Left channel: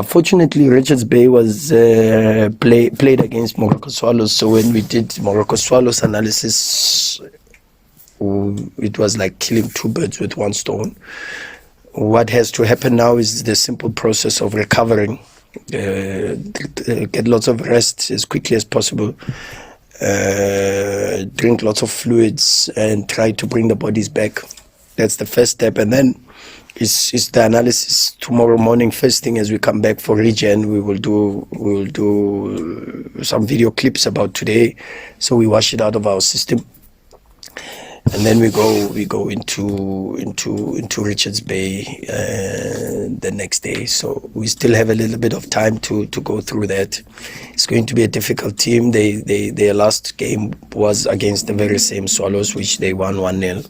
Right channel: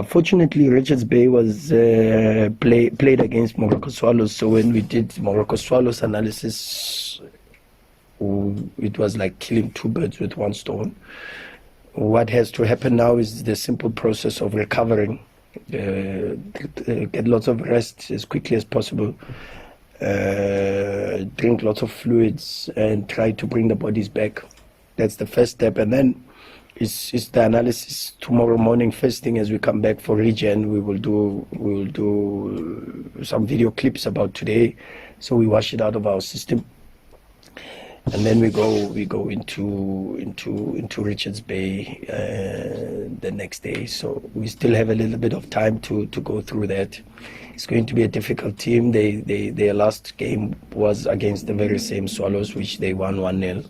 Fortunately, Richards Bay was played against Morocco Swallows. So when we did Morocco Swallows analysis, it was like killing two birds with one stone. What has to happen now is the simple process of recovering, get lots of rest as quickly as possible, drink lots of fluids, and try to bring the bodies back. That's the first step. And then is the analysis tomorrow morning. First thing as we come back for regen, we will do some video clips about today, so we wash it out of our system, and then we go into Richards Bay the next day. So we still have a little bit of time to go through that. It's going to be a difficult team. Their last game was against the very same Swallows, which they won 1-0.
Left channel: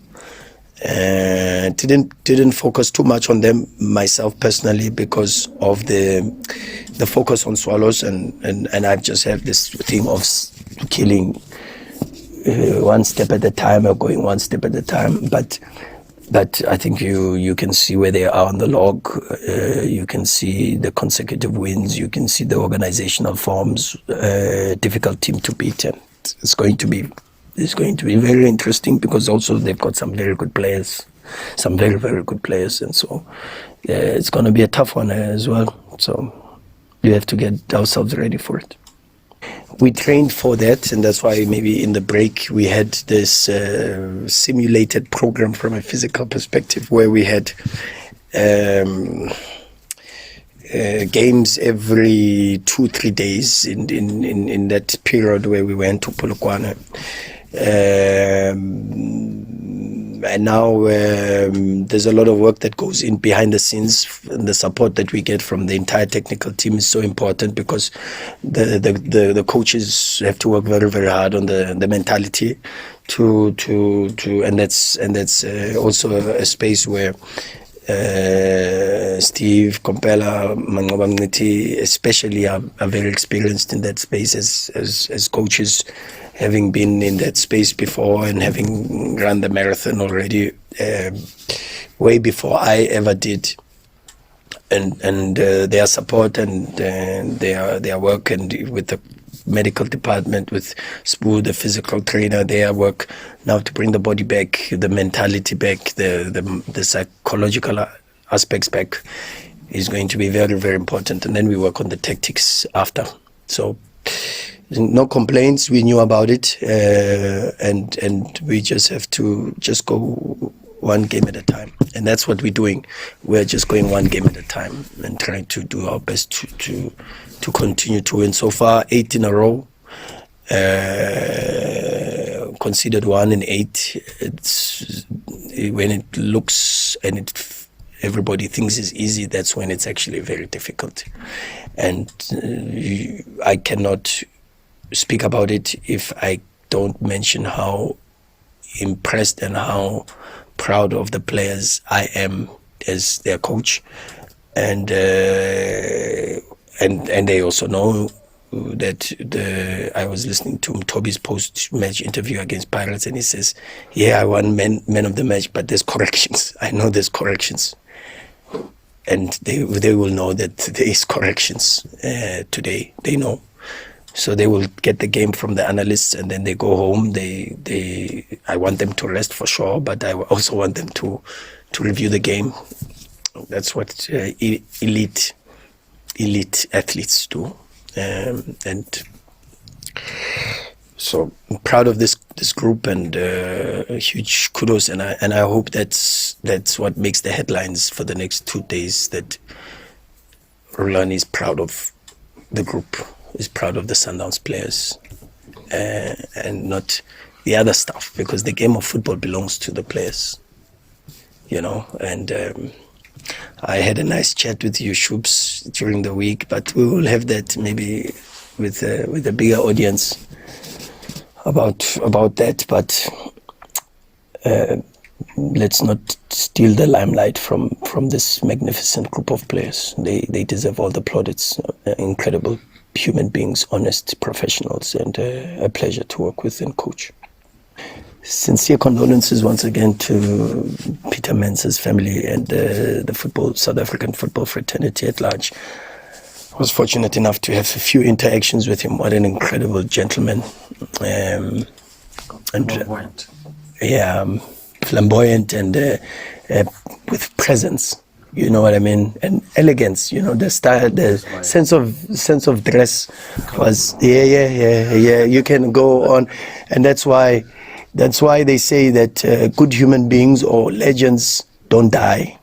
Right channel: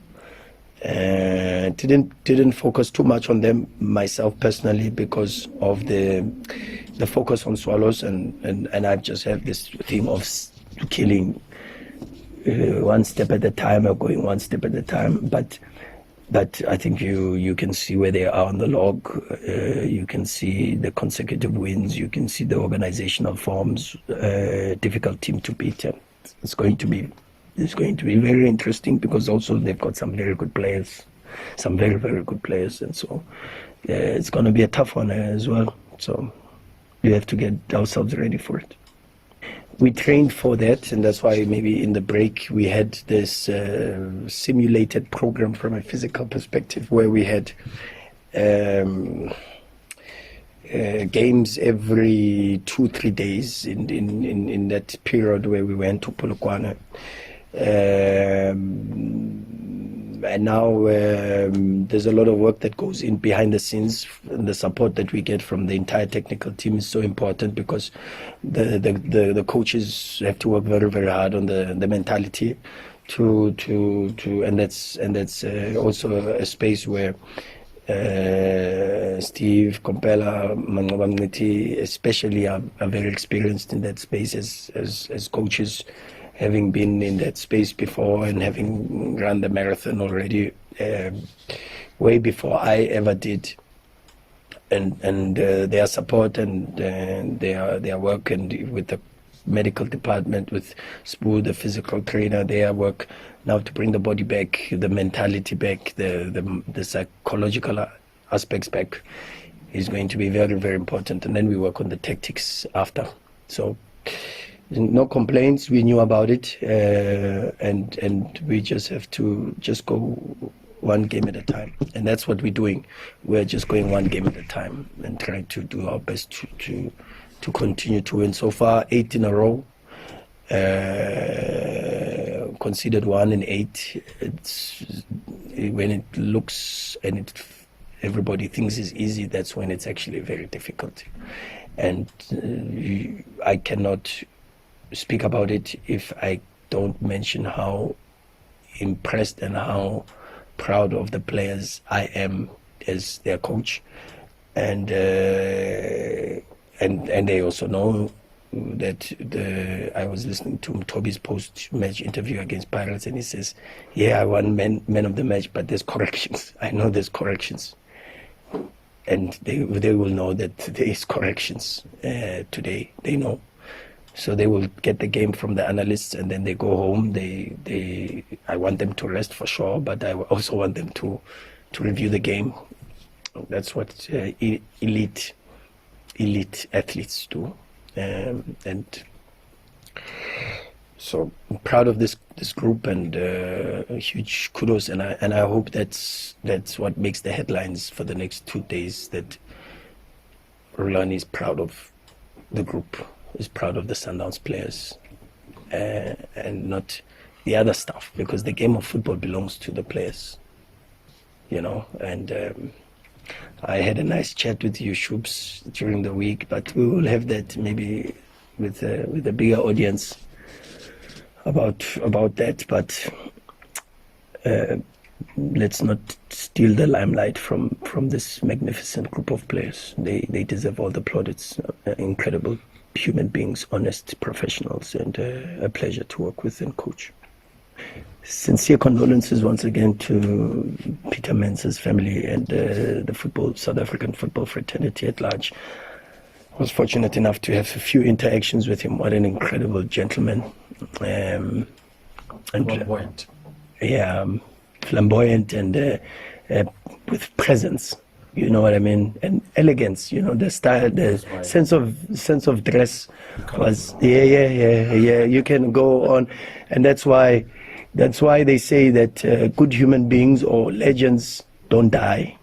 Didn't focus too much on them myself personally because of the focus on Swallows, and I just have this theme of killing one step at a time, or going one step at a time. But I think you can see where they are on the log. You can see the consecutive wins. You can see the organizational forms. Difficult team to beat, and it's going to be very interesting because also they've got some very good players, some very, very good players. And so it's going to be a tough one as well. So we have to get ourselves ready for it. We trained for that, and that's why maybe in the break we had this simulated program from a physical perspective where we had games every 2-3 days in that period where we went to Polokwane. And now there's a lot of work that goes in behind the scenes, and the support that we get from the entire technical team is so important because the coaches have to work very, very hard on the mentality and that's also a space where Steve, Kompela, Manqobangiti especially are very experienced in that space as coaches, having been in that space before and having run the marathon already way before I ever did. And their support and their work, and with the medical department, with Spoo, the physical trainer, their work now to bring the body back, the mentality back, the psychological aspects back is going to be very, very important. And then we work on the tactics after. So no complaints. We knew about it, and we just have to just go one game at a time, and that's what we're doing. We're just going one game at a time and trying to do our best to continue to win. So far, 8 in a row. Considered 1 in 8. It's when it looks and everybody thinks it's easy, that's when it's actually very difficult. And I cannot speak about it if I don't mention how impressed and how proud of the players I am as their coach, and they also know that I was listening to Toby's post-match interview against Pirates, and he says, "Yeah, I won man of the match, but there's corrections. I know there's corrections." And they will know that there is corrections today. They know. So they will get the game from the analysts, and then they go home. I want them to rest for sure, but I also want them to review the game. That's what elite athletes do. And so I'm proud of this group, and huge kudos, and I hope that's what makes the headlines for the next 2 days, that Rhulani is proud of the group, is proud of the Sundowns players, and not the other stuff, because the game of football belongs to the players, and I had a nice chat with you, Shoops, during the week, but we will have that maybe with a bigger audience about that. But let's not steal the limelight from this magnificent group of players. They deserve all the plaudits. Incredible human beings, honest professionals, and a pleasure to work with and coach. Sincere condolences once again to Peter Mensah's family and the South African football fraternity at large. I was fortunate enough to have a few interactions with him. What an incredible gentleman. And Flamboyant. yeah, flamboyant and with presence. You know what I mean? And elegance. You know, the style, the sense of dress was yeah. You can go on, and that's why they say that good human beings or legends don't die.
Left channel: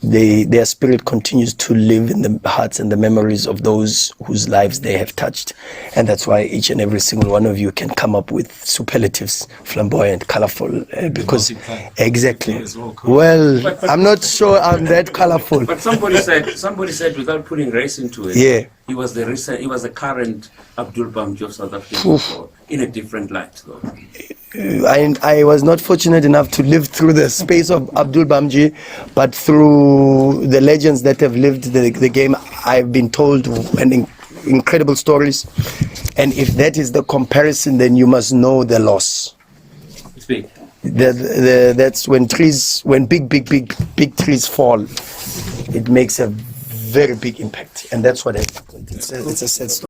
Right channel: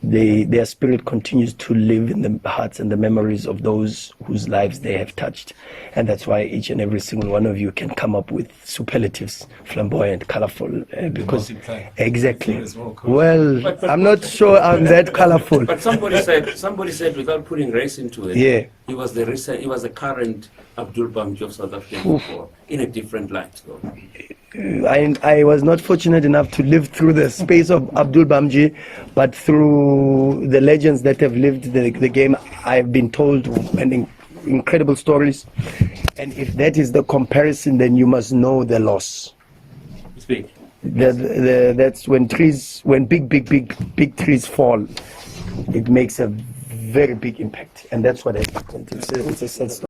Their spirit continues to live in the hearts and the memories of those whose lives they have touched. And that's why each and every single one of you can come up with superlatives, flamboyant, colorful, because exactly. Well, I'm not sure I'm that colorful. But somebody said without putting race into it, Yeah. he was the current Abdul Bamji of South African football in a different light, though. I was not fortunate enough to live through the space of Abdul Bamji, but through the legends that have lived the game, I've been told incredible stories. And if that is the comparison, then you must know the loss. Speak. That's when big trees fall. It makes a very big impact, and that's what happened. It's a sad story.